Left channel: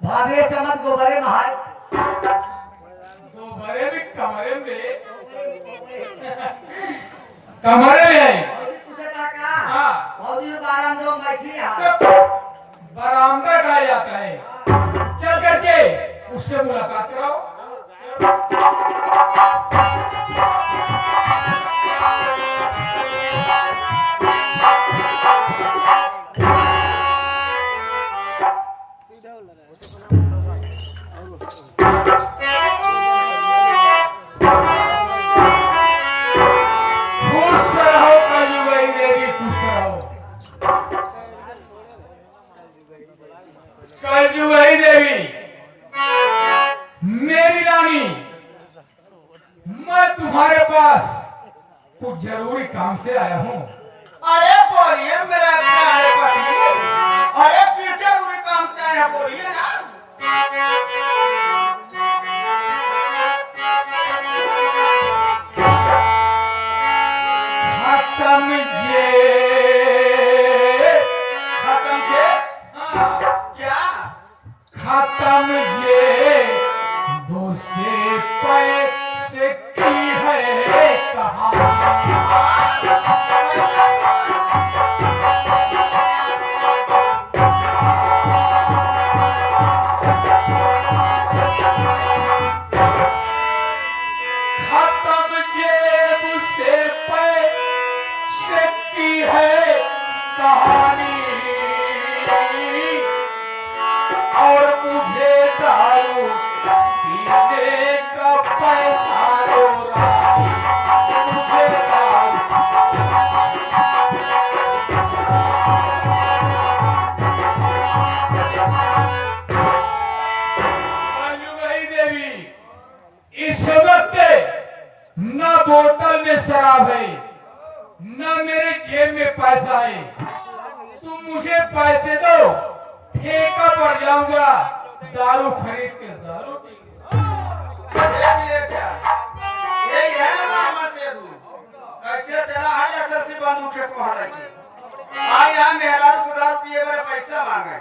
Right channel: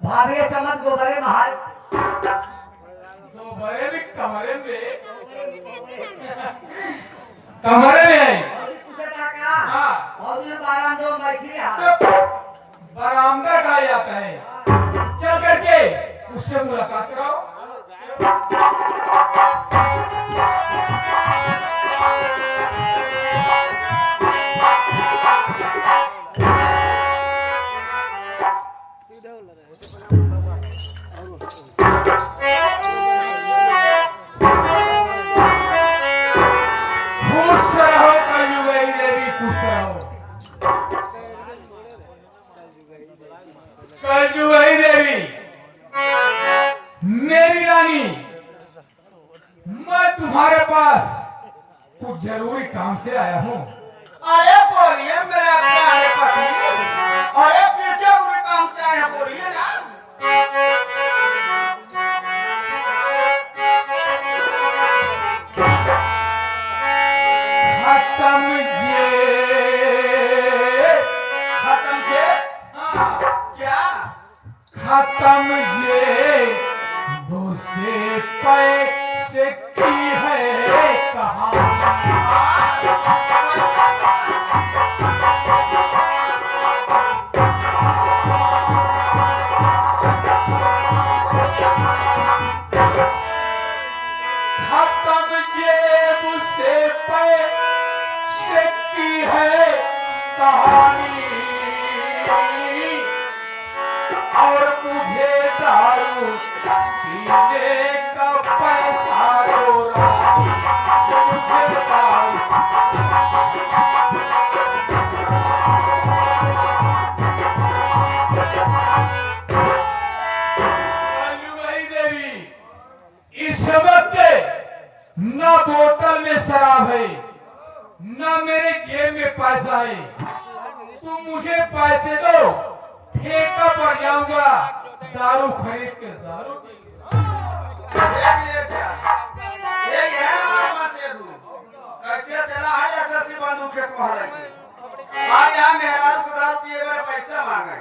भाभी चमक गोबरे महाल गोबरे भी कमरे में कमरे में पूछे का हाँ और ये बाराम जो बैठी है बरामदा कहा जाता है। चल करके उससे मुलाकात कराओ। खुश रहो कलयुगी देवी, खुश रहो कलयुगी देवी। मेरी रानी, मैं तुम्हारे पास कुछ जरूरी काम से आया हूँ। अरे बोलिए मेरे प्यारे पति, अरे पीछे हुए काम से आए हैं, बोलिए ना। खत्म जे हाँ, क्या? खत्म जे दूसरे पैसे की है कहानी। खत्म जेब से पैसे की है कहानी, और मुझे दारू पीने का पैसा दो रानी, मुझे दारू। कलयुगी देवी, इस वक्त न बोतल में शराब है, न मेरे जेब में पैसा है। तुम मुझे पैसे दो, ठेका पड़ जाऊंगा, दारू खरीद के दारू पी लूंगा। ये क्या? ये है हमारे मसेरू। कैसे चला है एसएससी बंदूक के कोहर की। आज यहाँ मेरा सुधार पिए मेरे पैसा मांगे।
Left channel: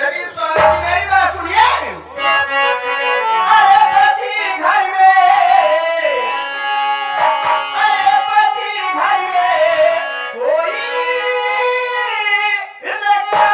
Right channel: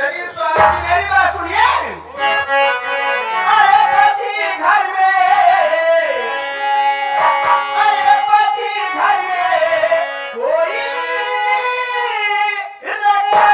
लेकिन स्वामी जी मेरी बात सुनिए। अरे बची घर में, अरे बची घर में कोई रखा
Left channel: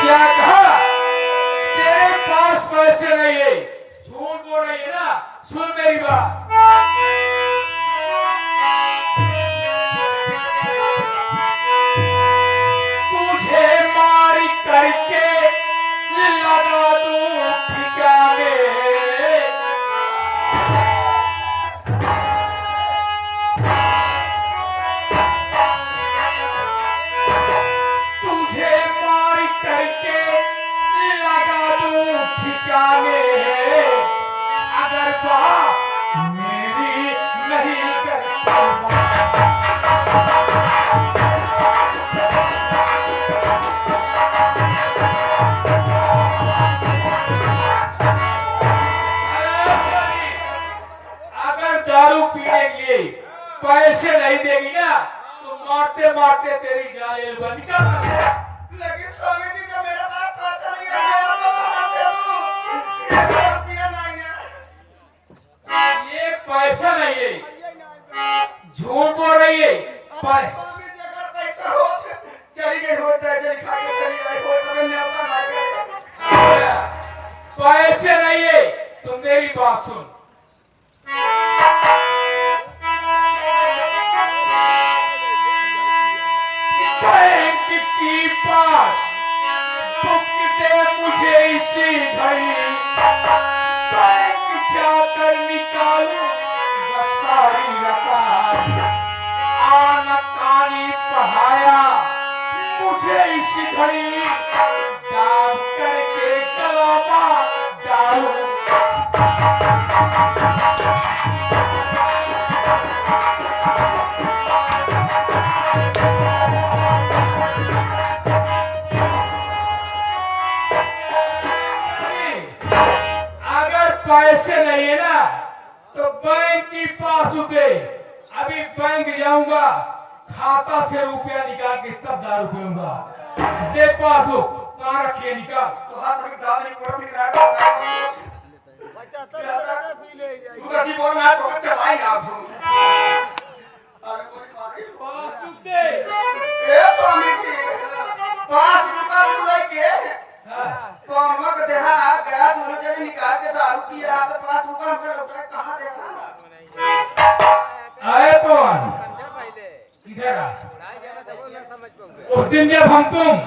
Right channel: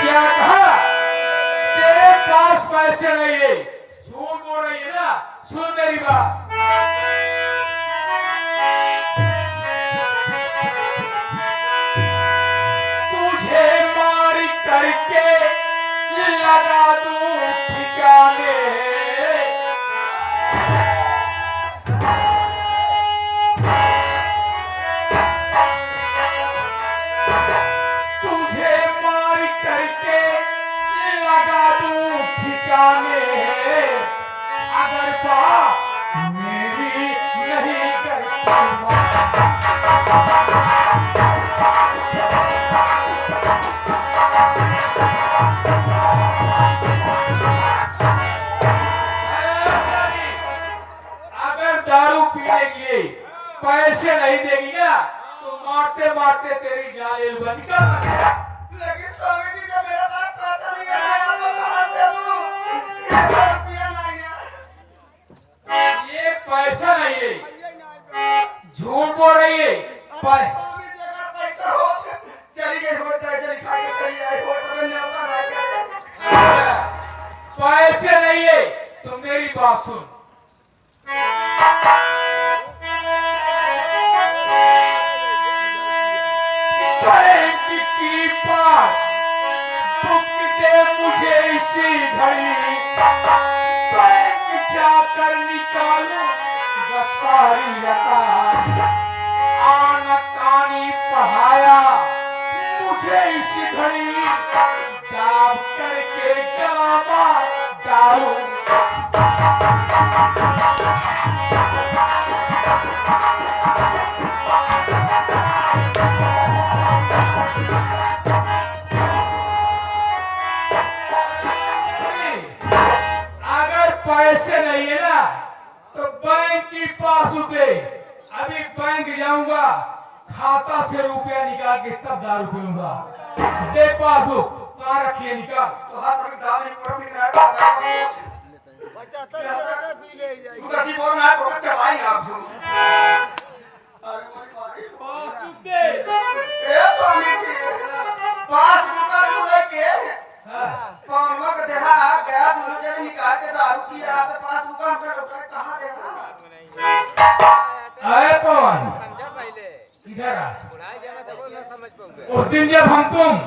क्या कहा? तेरे पास पैसे नहीं है, झूठ बोल रही है ना। सुन मेरी बात, तुझे मार करके लगा दूं ठिकाने, तुझे मार करके लगा दूं ठिकाने, अगर बात मेरी नहीं करता। अगर दारू पीने के लिए पैसे नहीं देगी ना, तो मारते मारते तेरी जान बंद कर सकते। लेकिन स्वामी जी जब मेरे पास पैसा नहीं आया तो कहां से दूं? रुपया नहीं है। ये पैसा नहीं है, झूठ बोल रही है। स्वामी जी अगर पैसा हो चली गई होटल चली खा के चली आई होटल में न्योता ना गया। पैसे नहीं है तो मेरी बात सुन। बैंक की पास बुक दे मुझे इसी घड़ी, बैंक जाकर निकालू सारी रकम। आनकानी पढ़ाया मुझे इसी घड़ी, दाब करके गवाबा डालू। अगर पैसे नहीं है ना तो बैंक की पासबुक दे। अभी बैंक जाऊंगा, खाता से रुपया निकाल के तब दारू पीऊंगा। दे पासबुक, कहाँ रखिए निकाल। तो हाथ में दाल नहीं पकड़ नहीं रहा तू कैसी बोल रहा है तो कच्चे भाई आप पासबुक दे। ए स्वामी जी पास रुपया लूंगा के कौन का देहा गया दूर से निकाल के दारू पिया तो पास रुपया से रुपया कहां देगा अरे कौन इधर आ। उस दिन जब हम तुम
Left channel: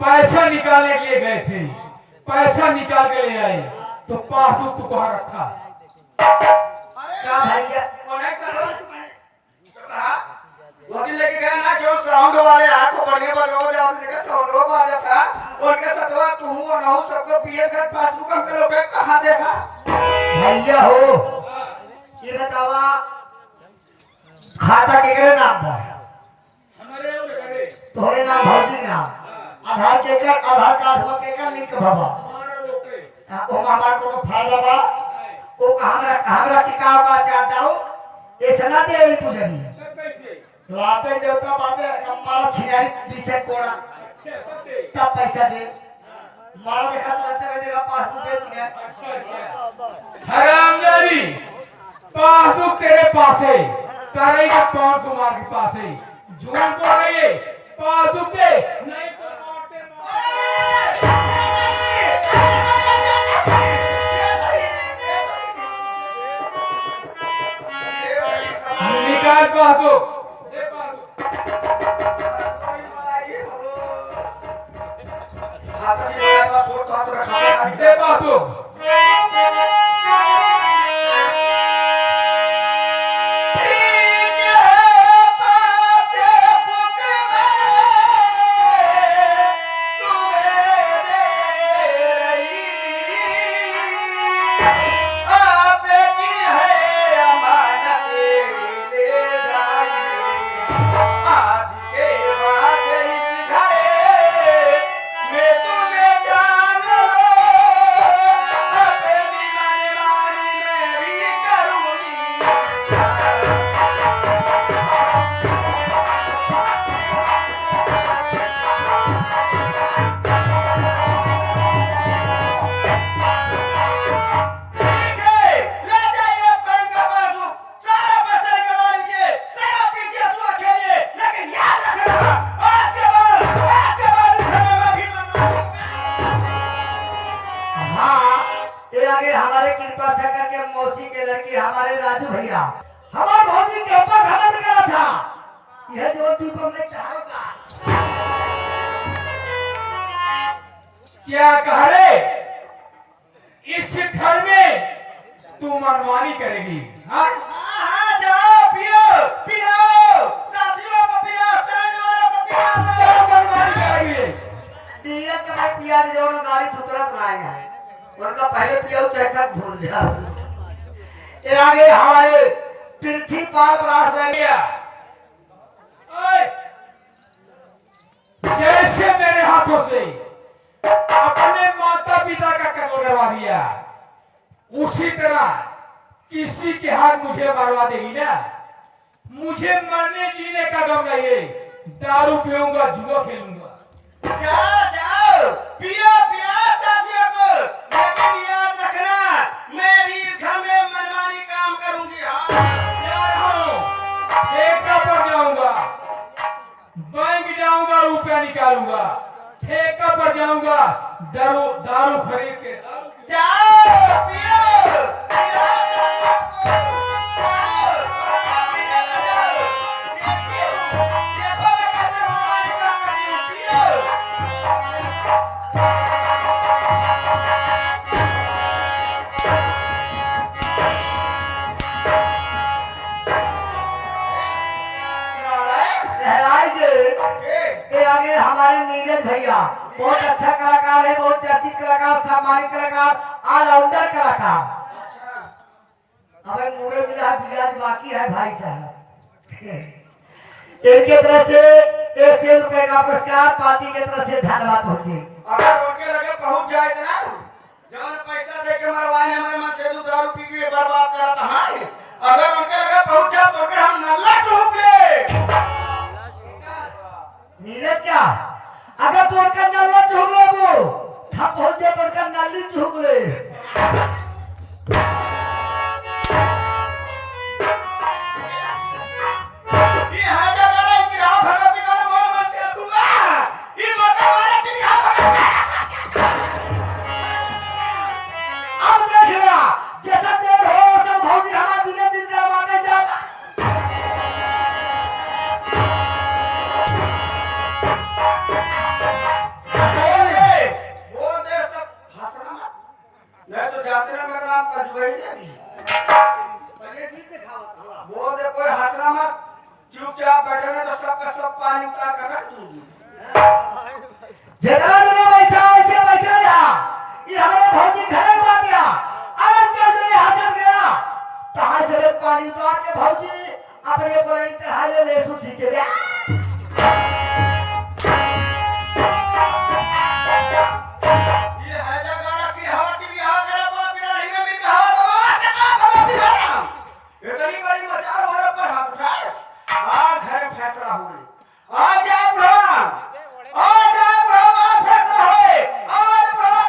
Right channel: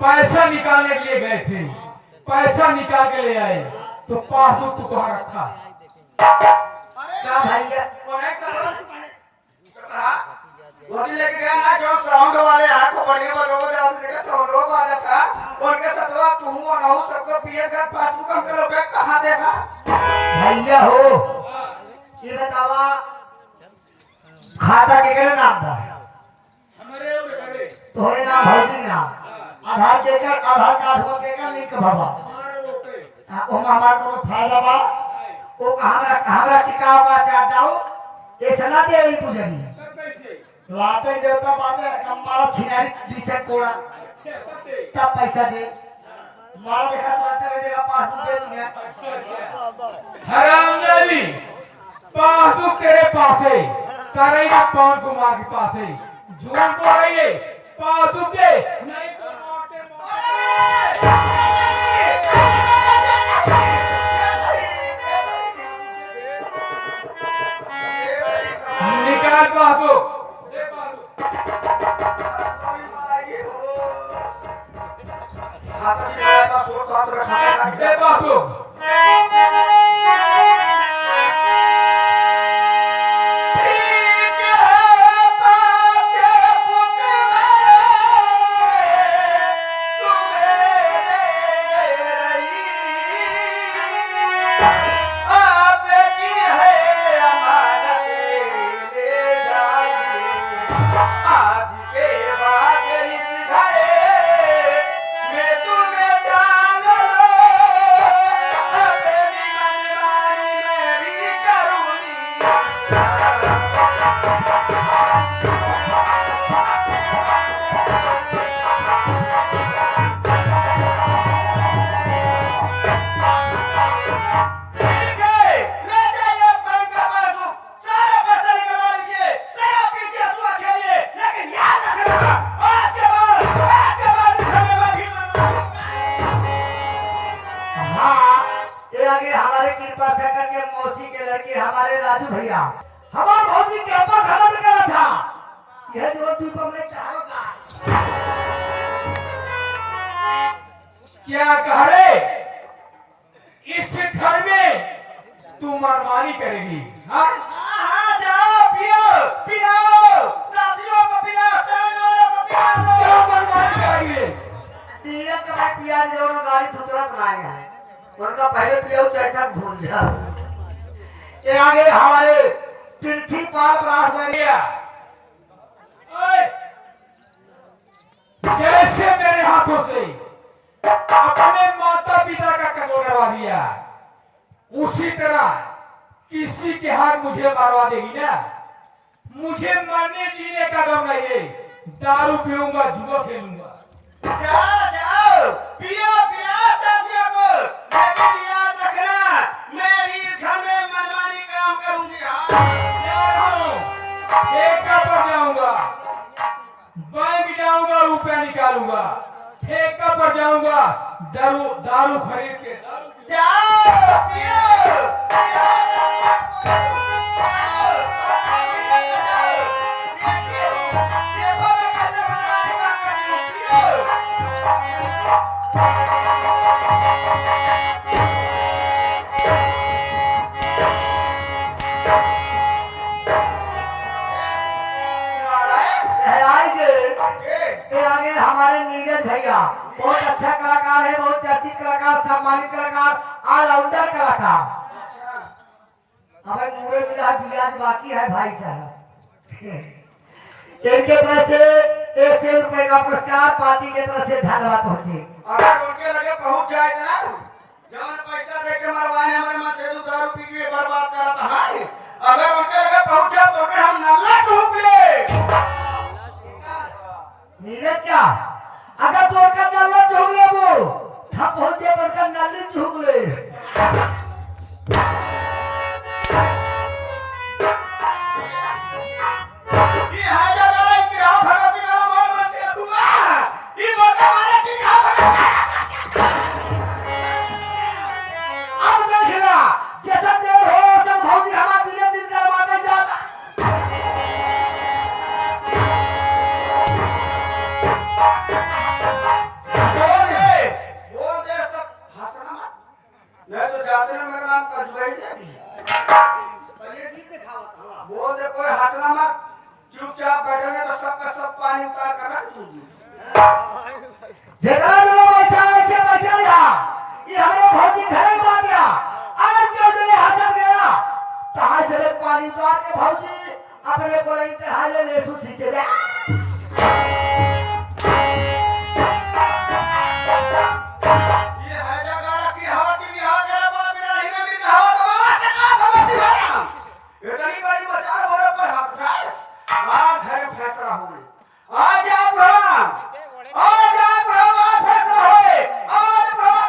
पैसा निकालने के लिए गए थे, पैसा निकाल के ले आए तो पासबुक तू कहाँ रखा? क्या भैया कोने का वो दिन लेके गया ना जो साउंड वाले हाथ को बढ़िया बजाओ जाओ देखे साउंड वाले था उनके सतवा तू और ना सबको पिए के पासबुक के लोग कहां देगा भैया हो, ये बतावा खाता केकरे नाम था? हमारे घरे तोरे नाम भौजी नाम, आधार केकर, आधार कार्ड हो केकर लिंक भवा। हमारे रोटे ओ हमार को फायदा बा, ओ हमरा की का का चाहता हो, ऐसा ना दे ई पूजनी। सब कैसे लाते देवता बाते कम्माल छिनारी पीछे कोड़ा, क्या पैसा दे? मार देखा तो देगा पासबुक दे दुनिया। हरामजादी, पासबुक तेरे पास है, करेगा पवन कुमार के पास है। झूठ बोल रही है, पासबुक दे नहीं तो मारते निकाल पासबुक। दे पासबुक। हाथ में का फोटो हाथ में खाना दे पासबुक। हमारे कृपा से करके मौसी के लड़के हमारे राजू भैया हमारे भौजी के ऊपर घमंड करा था। यह जो तू तुमने चाहोगा क्या कह रहे? इस घर में तू मनमानी करेगी? हाँ जाओ पियो पिलाओ साथियों को पिलाओ सामने वालों को पिलाओ क्या मनमानी करेगी? तीरथ के बाद पिया जो ना गाड़ी सुतरा बनाएगा उनका पहले पियो कैसा भूल जाओ। ये आगे हमारे पृथ्वी पाप रात में गया। ओए! जैसे मेरे हाथों से अपने माता पिता का कत्ल करवा दिया, उसी तरह किसी के हाथ मुझे मारवा देगी ना। मुझे मरने जीने का गम नहीं है, दारू पीऊंगा, जुआ खेलूंगा। जाओ जाओ पियो पियो साथियों को लेकिन याद रखना मैं भी घर में मनमानी काम करूंगी। ठेका पर जाऊंगा, बैंक जाऊंगा, रुपया निकालूंगा, ठेका पर जाऊंगा, दारू खरीद के जाओ पियो पियो चर्चित कलाकार, सम्मानित कलाकार, ऑलराउंडर कलाकार। हमें पूरे मिला बियाज बाकी है भाई साहब। इनके तरफ से 100 रुपए का पुरस्कार पार्टी की तरफ से धन्यवाद पहुंचे। अगर उनके लगे पहुंच जाए ना, जब पैसा दे के मरवाने हमारे मां से दारू पी के बर्बाद करा था। हाँ, अगर उनके लगे पहुंच जाए तो फिर हम नल्ला चूक ले। नीरज क्या? अगर तो कर नल्ला चूक ले वो, हम पहुंच जाए तो कर नल्ली चूक ले। ये हाजा लड़ाई की राह भगत का मोर मत दूंगा। ये मोटा मारे की राह भगत। अब देख लिया, जैसा देर हो सब भौजी हमारा दिले दिल करवाते जा। वो दे सब हंसना मत। मैं तो जाते ना मेरा नाम कजबाई है। पहले गीत दिखाओ था। वो दे कोई हंसना मत। चुपचाप बैठेंगे तो सबका सब पानी उतार कर रख दूंगी। जितना दिन बैठा ऐसे बैठा रहा, ये हमारे भौजी घरे बात गया। अगर क्या जने हंसत गया, कहाँ से ले पानी उतार के भौजी अपने को नहीं चढ़ा ले ले सुसी चले। ये है जगह की हवा की बिहार जरा बात मेरा नहीं में भी हवा तो बात है ना भगत दिखाना। इतनी बड़ी मचार हो रहा पर हाथ उठाए। आज है फैसला हुई। आज आप भगवान, आज आप भगवान फैसला है। आज भगवान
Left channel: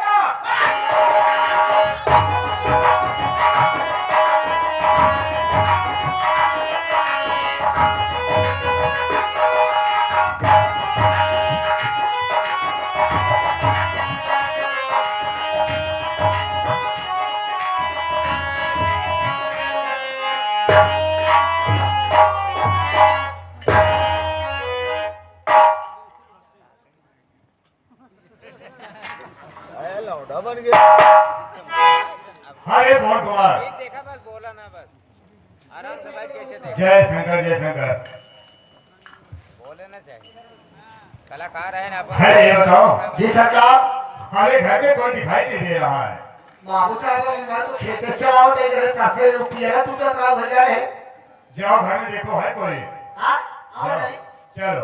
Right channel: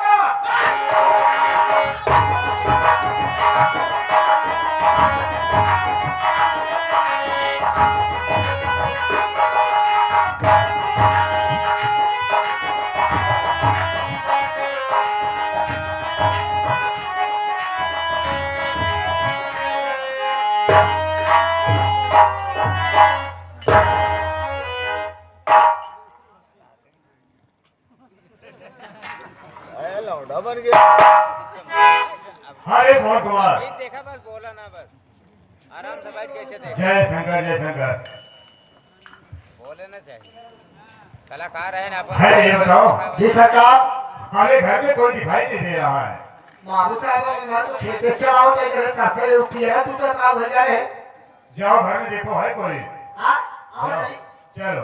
हरे बहुत कुमार। देखा बस बोला ना बस आराम से बैठ के देख जय शंकर जय शंकर। बोले ना चाहिए कलाकार है ना है ये बताओ, जी सरकार। हमारे घर में कोई दिखाई नहीं दे रहा है। बाबू साहब मैं तो खेत से लाओ दे जरा कैसे पिया तू तो का हो जाए। जाओ घर में देखो है कोई। हां आओ जाओ, नहीं। चलो।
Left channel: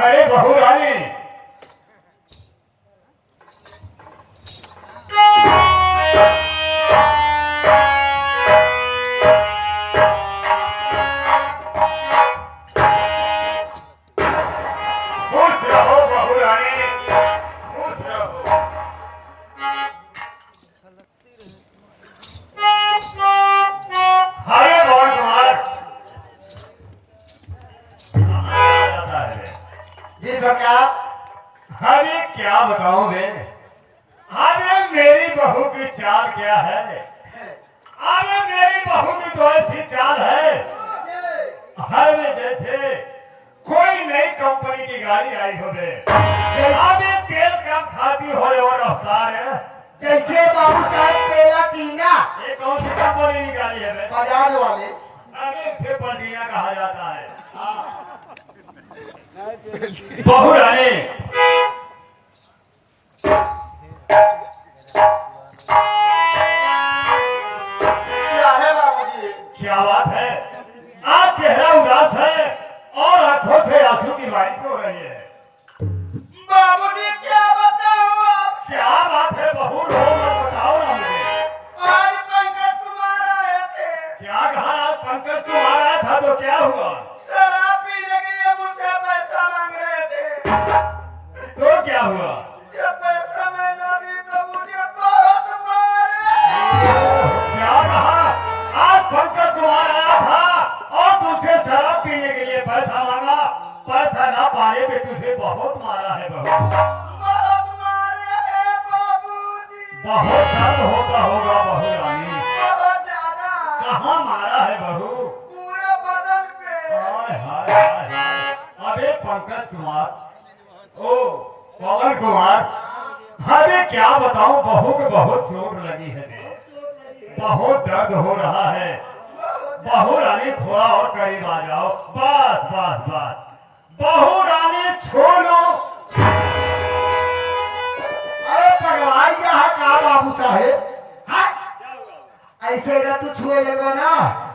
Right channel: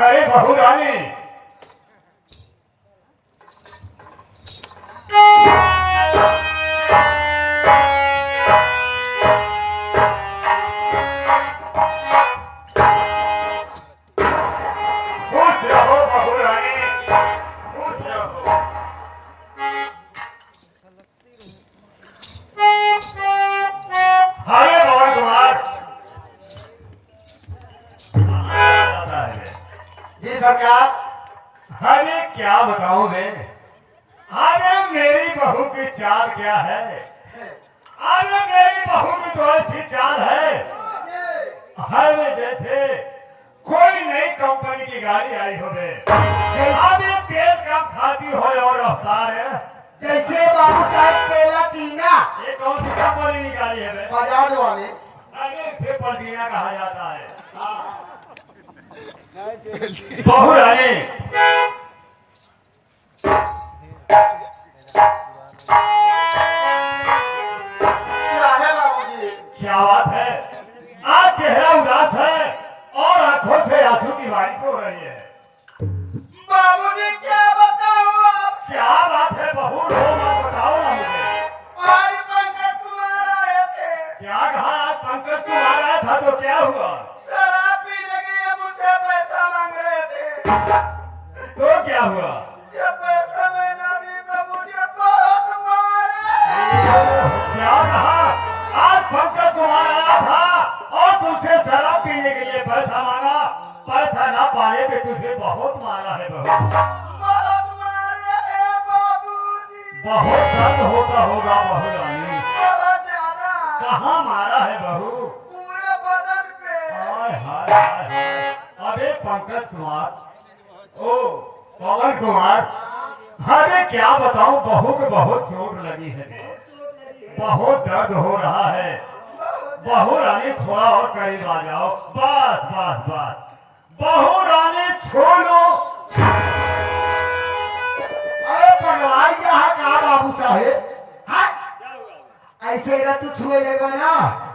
अरे बहू रानी, खुश रहो बहू रानी, खुश रहो। हरे भवन कुमार। आता है। जी सरकार। अरे क्या बताऊं मैं? अरे मेरी बहू की चाल क्या है? अरे मेरी बहू की तो ऐसी चाल है, अरे जैसे कोई नई कंपनी की गाड़ी आई हो बे। अरे तेल कम खाती हो और रफ्तार है जैसे बाबू साहब पहला टीना ये कौन सी कंपनी निकाली है बे? बजाज वाले। अरे इसे पलटीना कहा जाता है। बहू रानी, क्या है बाबूजी? क्या बात है? आज चेहरा उदास है और आंखों से आंसू की बारिश हो रही है। बाबूजी क्या बताऊं आप? क्या बात है बहू? रो मत, बताओ ना मुझे। आज पंकज कुमार आए थे। क्या कहा? पंकज कुमार आया था तो क्या हुआ? शराब पीने के लिए मुझसे पैसा मांग रहे थे। तो क्या हुआ? जब पैसा मैंने दी तो मुझे बहुत मारे। क्या कहा? आज पंकज कुमार आया था और तुझसे शराब पीने के लिए पैसा मांगा, पैसा ना पाए तो तुझे बहुत मारा है बहू। बहुत मारे हैं बाबूजी। बहुत दर्द होता होगा बहू रानी। बहुत ज्यादा। कहाँ मारा है बहू? पूरे बदन पे। हाय हाय हाय हाय। अरे पंकज कुमार, ओ पवन कुमार, अरे क्या बताऊं, बहू को बहुत चोट लगी है बे। बहुत दर्द हो रहा है। बहू रानी थोड़ा और करीब आ जाओ। बस बस बस बहू रानी छोड़ो। अरे भगवान यहाँ का बाबू साहेब ऐसे अगर तू छुए लेगा ना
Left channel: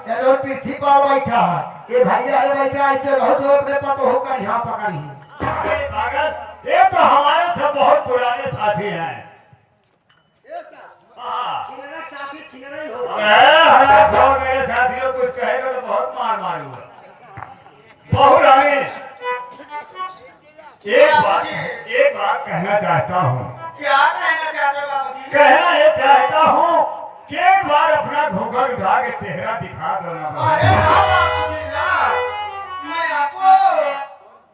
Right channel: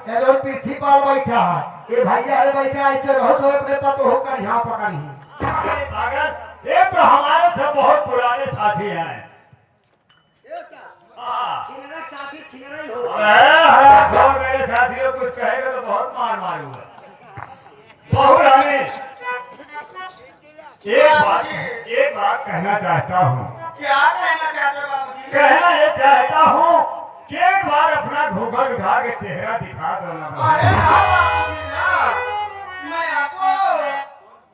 ये जो पृथ्वी पर बैठा है ये भैया है बैठा ऐसे रहो सो अपने पतो होकर यहाँ पकड़ी अरे भगत ये तो हमारे से बहुत पुराने साथी हैं। हाँ। बहुत मेरे साथियों कुछ कहेगा तो बहुत मार मारूंगा। बहू रानी एक बात कहना चाहता हूँ। क्या कहना चाहते हो बाबूजी? कहना ये चाहता हूँ कि एक बार अपना घूंघट उठा के चेहरा दिखा दो ना। अरे ना बाबूजी ना, मैं आपको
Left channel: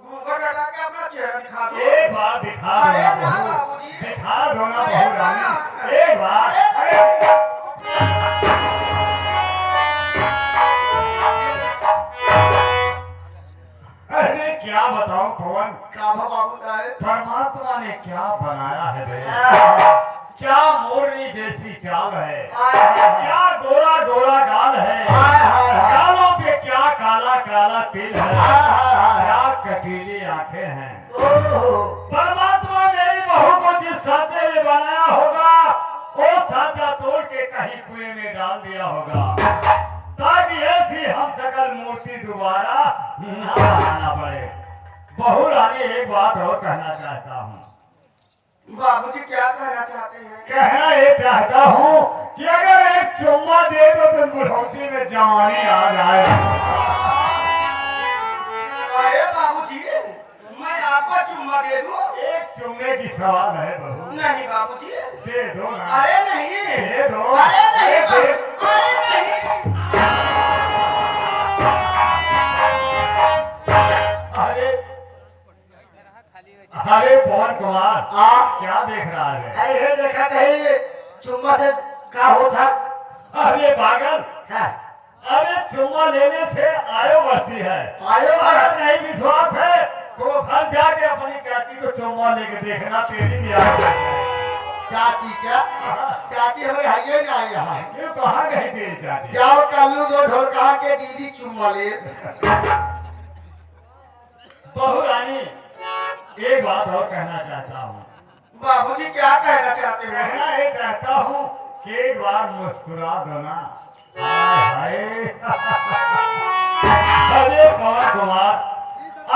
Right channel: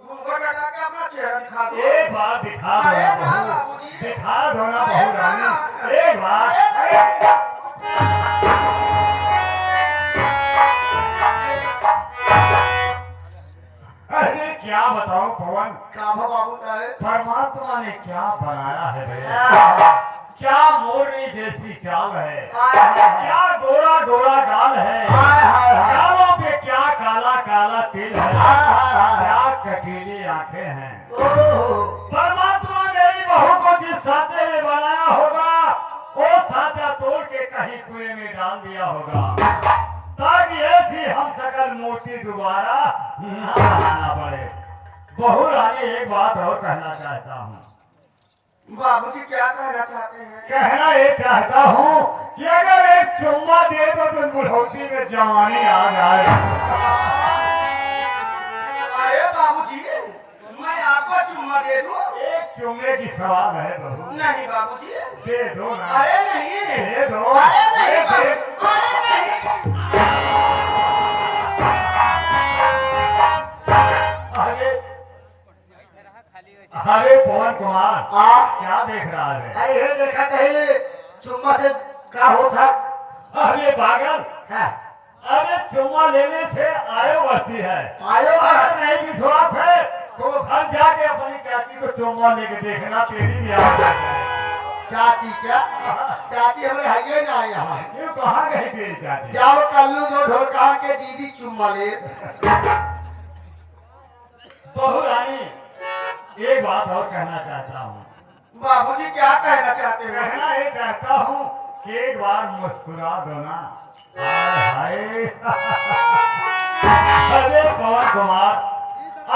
घूंघट हटा के अपना चेहरा दिखा दूं। एक बार दिखा दो ना बहू, दिखा दो ना बहू रानी एक बार। अरे क्या बताऊं पवन, क्या बाबू साहेब परमात्मा ने क्या बनाया है भैया। क्या मोरनी जैसी चाल है, क्या गोरा गोरा गाल है, गालों पे क्या काला काला तिल है, क्या कटीली आंखें हैं। परमात्मा मेरी बहू को जिस सांचे में बनाया होगा वो सांचा तोड़ के कहीं कुएं में डाल दिया होगा ताकि ऐसी हम सकल मूर्ति दोबारा न बनाना पड़े। बहू रानी एक बात और कहना चाहता हूँ। बाबूजी क्या कहना चाहते हैं? कहना ये चाहता हूँ कि अगर एक चुम्मा दे दो तो बुढ़ौती में जवानी आ जाए। अरे बाबूजी मैं आपको चुम्मा दे दूं? एक चुम्मे की सवाल है बहू। नहीं बाबूजी। दे दो ना। अरे नहीं। दे दो। अरे नहीं दे। अरे नहीं। अरे अरे पवन कुमार क्या देख रहा है? ये देखा कहीं चुम्मा से क्या होता अरे पागल, है अरे चुम्मा लेने से आयु बढ़ती है। आयो अगर नहीं विश्वास है तो घर जाके अपनी चाची को चुम्मा लेके देखना, तेरी भी आयु बढ़ जाएगी। चाची क्या चाची हमें हाइए ना यहाँ क्यों कहाँ गई तेरी चाची? जाओ कल्लू दो ढोल कहा के दीदी चुम्मा ले। बहू रानी एक बात और कहना चाहता हूँ। बाबूजी क्या कहना चाहते हैं? कहना ये चाहता हूँ कि एक बार मुस्कुरा दो ना। हाय हाय। अरे पवन कुमार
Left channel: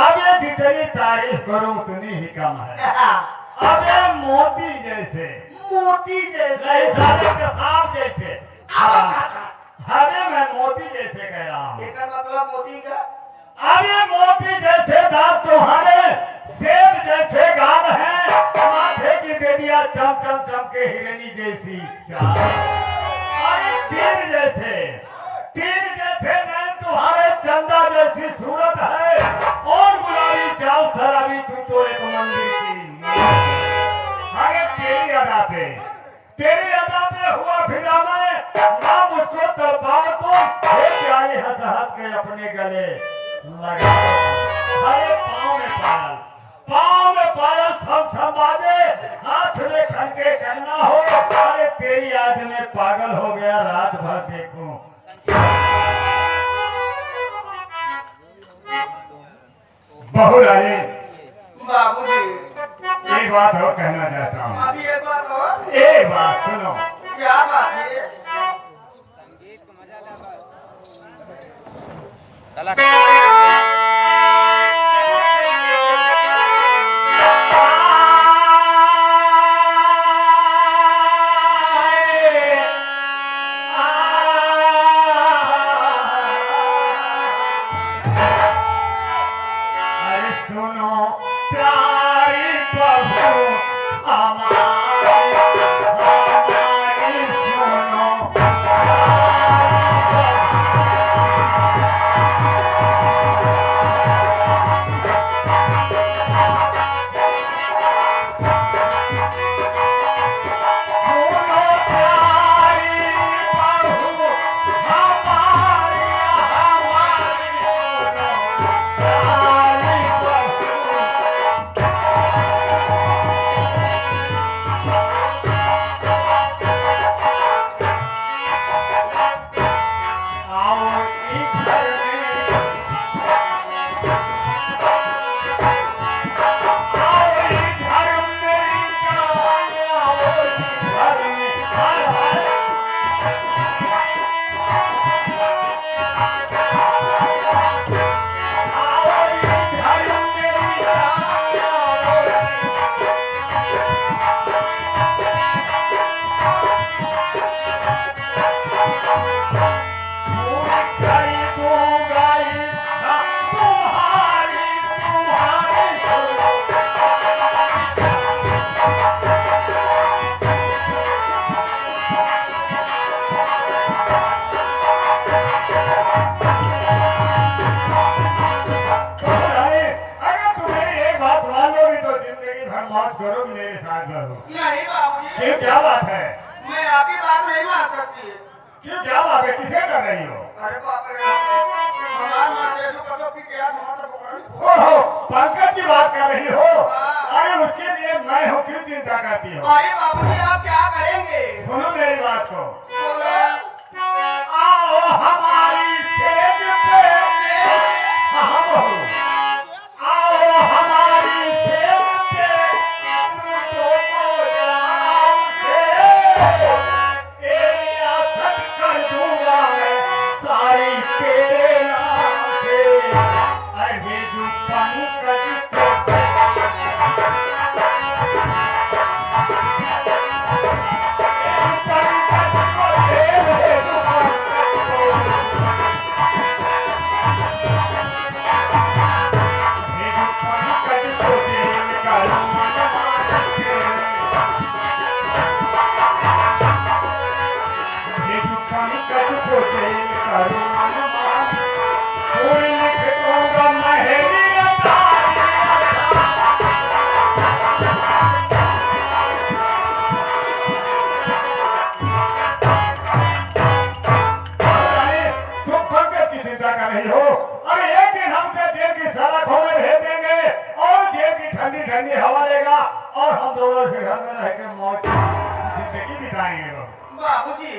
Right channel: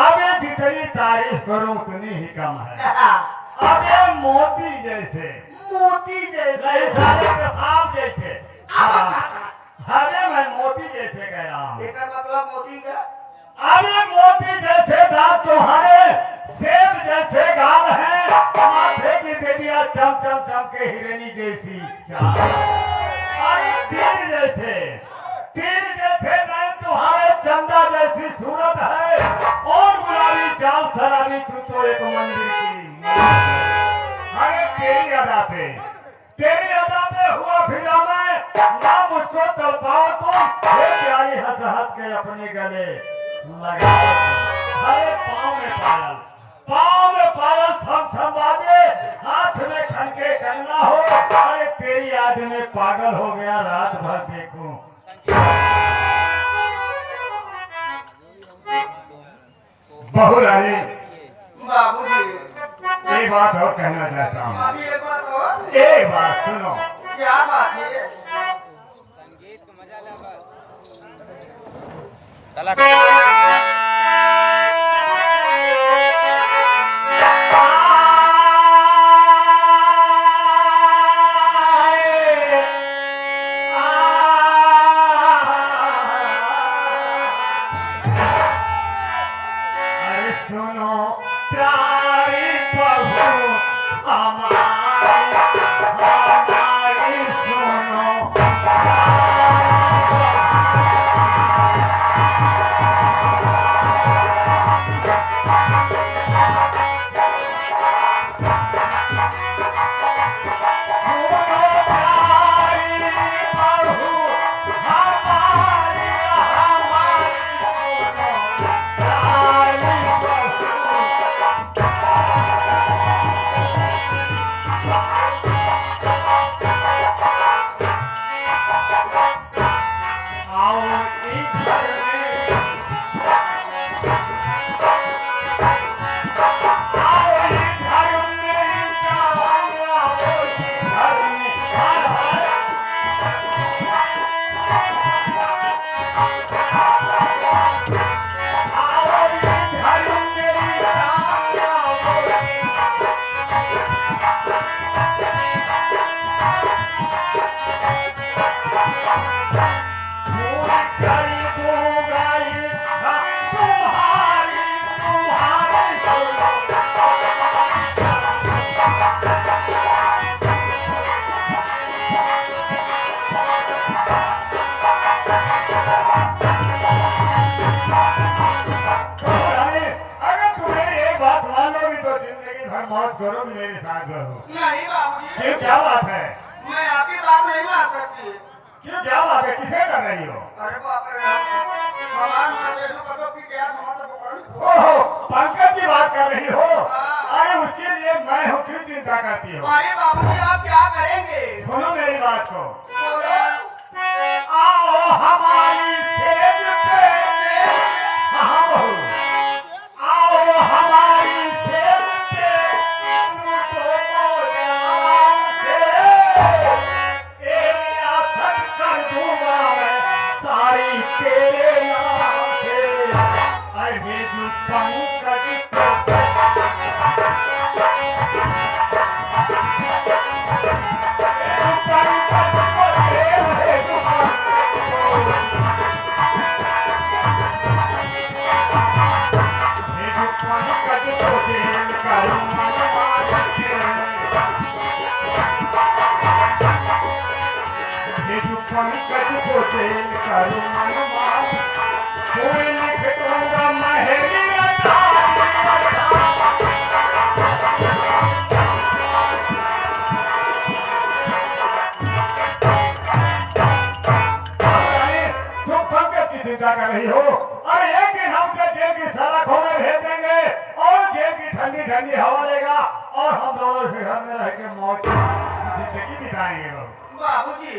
आगे जितनी तारीफ करूं उतनी ही कम है। अरे मोती जैसे, मोती जैसे नहीं साले के सांप जैसे। अरे मैं मोती जैसे कह रहा हूँ। एक मतलब मोती का अरे मोती जैसे दांत तुम्हारे, सेब जैसे गाल है, माथे की बेदिया चम चम चम के हिरनी जैसी चाल। अरे तीर जैसे नैन तुम्हारे, चंदा जैसी सूरत है, और गुलाबी चाल शराबी तू तो एक मंदिर की। अरे तेरी अदा पे हुआ फिरा मैं ना मुझको तड़पाओ तुम, हे प्यारी हंस हंस के अपने गले लगा। अरे पाँव में पायल छम छम बाजे, हाथ में खनके कंगना हो। अरे तेरी याद में पागल हो गया रात भर देखूं। बहू रानी बाबूजी एक बात और कहना चाहता हूँ। अभी एक बात और। एक बात सुनो। क्या बात है? संगीत को मजा लगा। अरे सुनो प्यारी प्रभु हमारी सुनो। मौज करो मेरे साथ करो। नहीं बाबूजी, क्यों, क्या बात है? मैं आपकी बात नहीं मान सकती। क्यों, क्या बात है? किसे कर रही हो? अरे बाप रे, हमारे मासेरू को तो भी क्या नमस्ते पकड़। ओहो, पंकज की बात कर रही हो? अरे उसके लिए मैं हूँ, क्यों चिंता करती हो? अरे बाबूजी, आप क्या करेंगे? सुनो मेरी बात को। बोलो। आओ हमारी सेज पे, हाँ बहू, आओ हमारी सेज पे, लूटो मोजाम से, तेरी आसत कर दूंगा मैं सारी तेरे नाम से। अरे जो पंकज को रही हो। अरे एक दिन हमसे जेब की सारा खोले भेज देंगे और जेब की ठंडी ठंडी हवा लेगा और हम दोनों से घर में रह के मौज जिंदगी बिताएंगे। बाबूजी,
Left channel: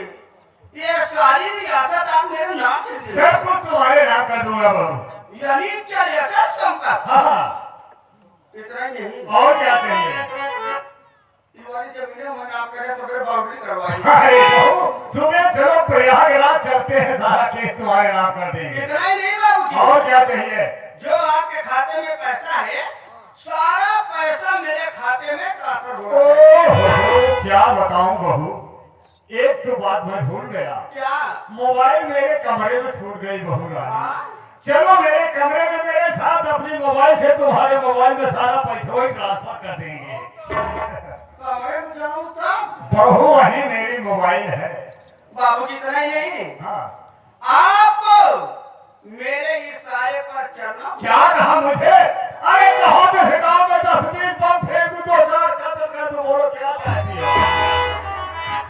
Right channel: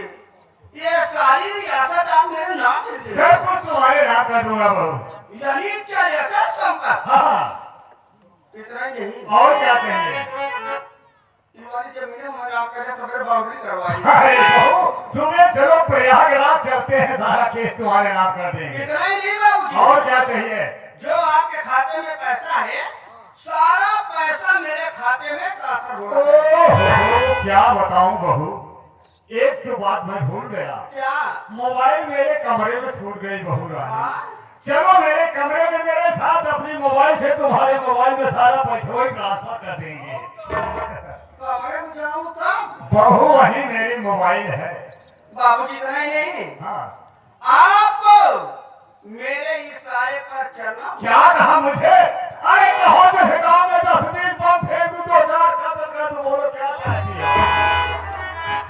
ये सारी रियासत आप मेरे नाम पे दे। सब कुछ तुम्हारे नाम कर दूंगा बहू। यानी 40 कम का। हाँ, इतना ही नहीं, और क्या चाहिए? ये वाली जमीनें मैंने आपके लिए सब बाउंड्री करवाई। अरे बहू, सुबह चलो प्रयागराज चलते हैं, सारा केस तुम्हारे नाम कर देंगे। इतना ही नहीं बाबूजी, और क्या चाहिए? जो आपके खाते में पैसा है, सारा पैसा मेरे खाते में ट्रांसफर हो रहा है। ओहो, क्या बताऊं बहू, एक तो बात मैं भूल गया। क्या? मोबाइल मेरे कमरे में छूट गई बहू रानी। हाँ? चलो मेरे कमरे में मेरे साथ अपनी मोबाइल से तुम्हारे मोबाइल में सारा पैसा ही ट्रांसफर कर देंगे। कमरे में जाऊं तब? बहू वही मेरी मोबाइल है। बाबूजी, इतना ही नहीं, हाँ, आपको मेरे इशारे पर चलना। क्या कहा मुझे? अरे कहो तो से गाँव में 10-20 बम फेंकू, 2-4 कत्ल कर दूं, बोलो क्या चाहिए?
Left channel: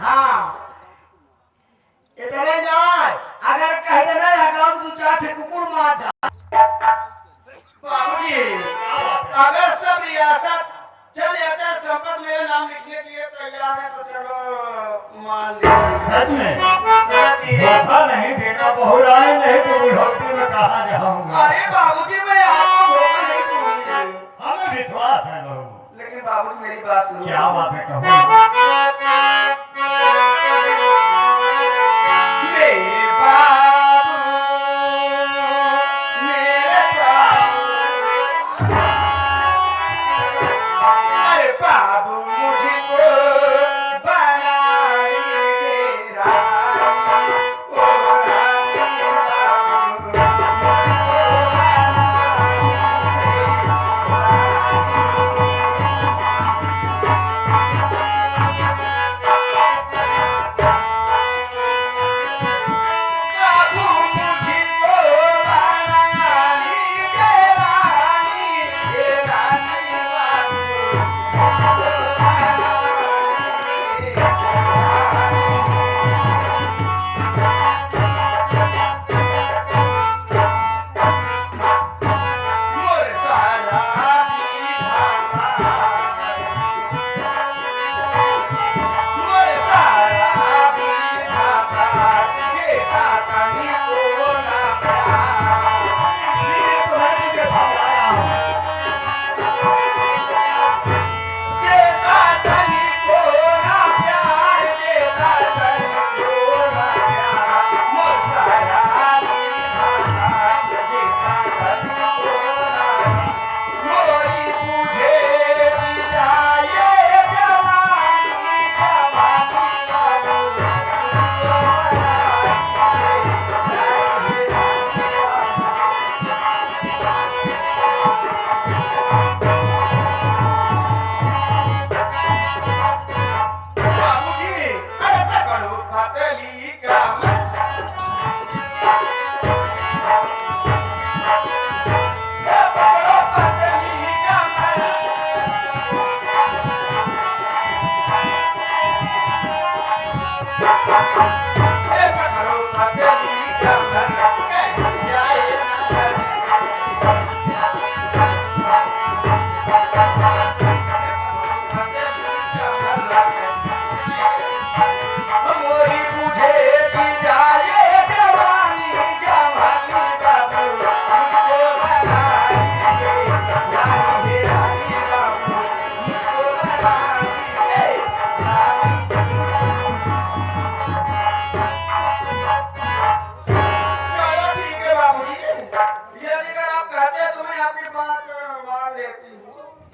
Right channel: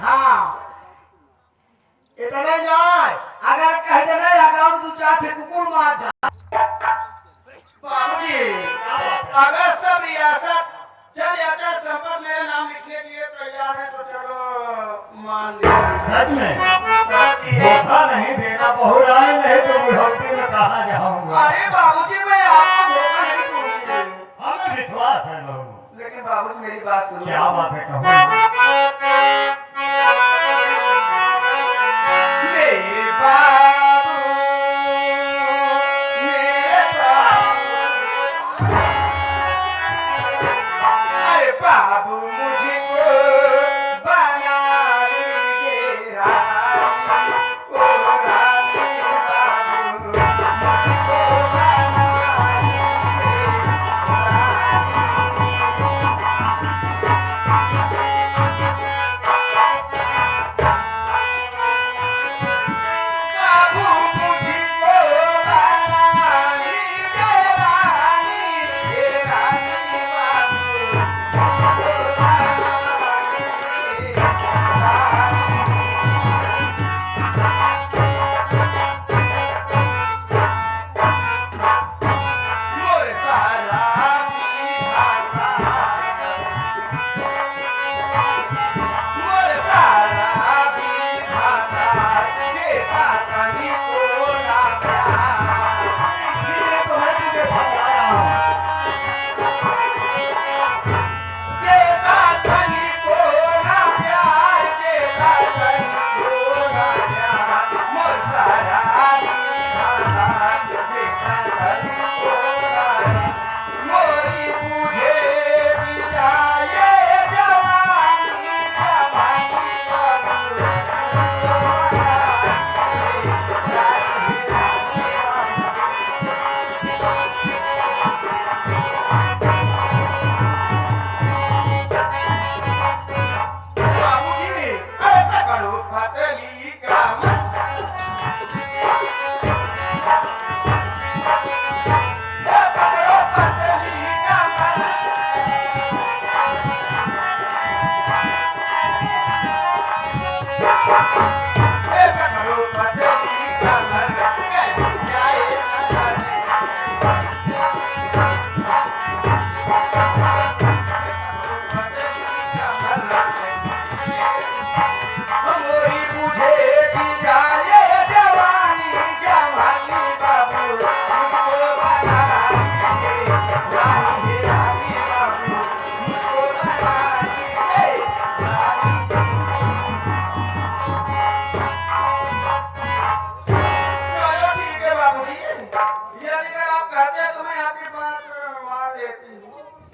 हाँ, इतने जाए अगर कह देना अगर 2-4 ठे कुकुर मार दा। बाबूजी, अगर सब रियासत चल जाता है, संपत्ति मेरे नाम लिखने के लिए तैयार है तो चलो मान लीजिए। सच में सच ही है। धोखा नहीं देना बहू रानी, नहीं तो बुढ़ौती में कहा जाऊंगा। अरे बाबूजी, मैं आपको धोखा नहीं दूंगी। हमें विश्वास है बहू। लेकिन बाबूजी, मेरी बात सुनो। क्या बात है कहूँ? मेरे बाबू, मेरे बाबू, अरे बाबू मुझको बना लीजिए रानी, ओ रानी बाबू, मुझको बना लीजिए रानी।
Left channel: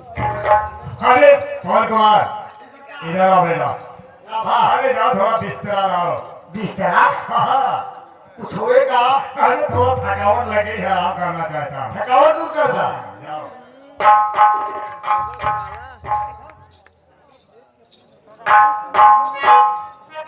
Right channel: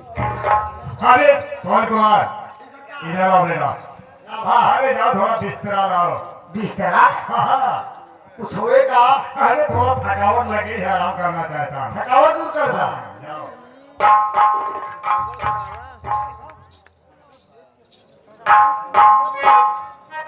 अरे कौन कुमार इधर आओ बेटा। हाँ अरे जाओ थोड़ा बिस्तरा लाओ। बिस्तरा हाँ कुछ होएगा? अरे थोड़ा थकावट लगी है आराम करना चाहता हूँ। थकावट दूर कर दो। हाँ, जाओ।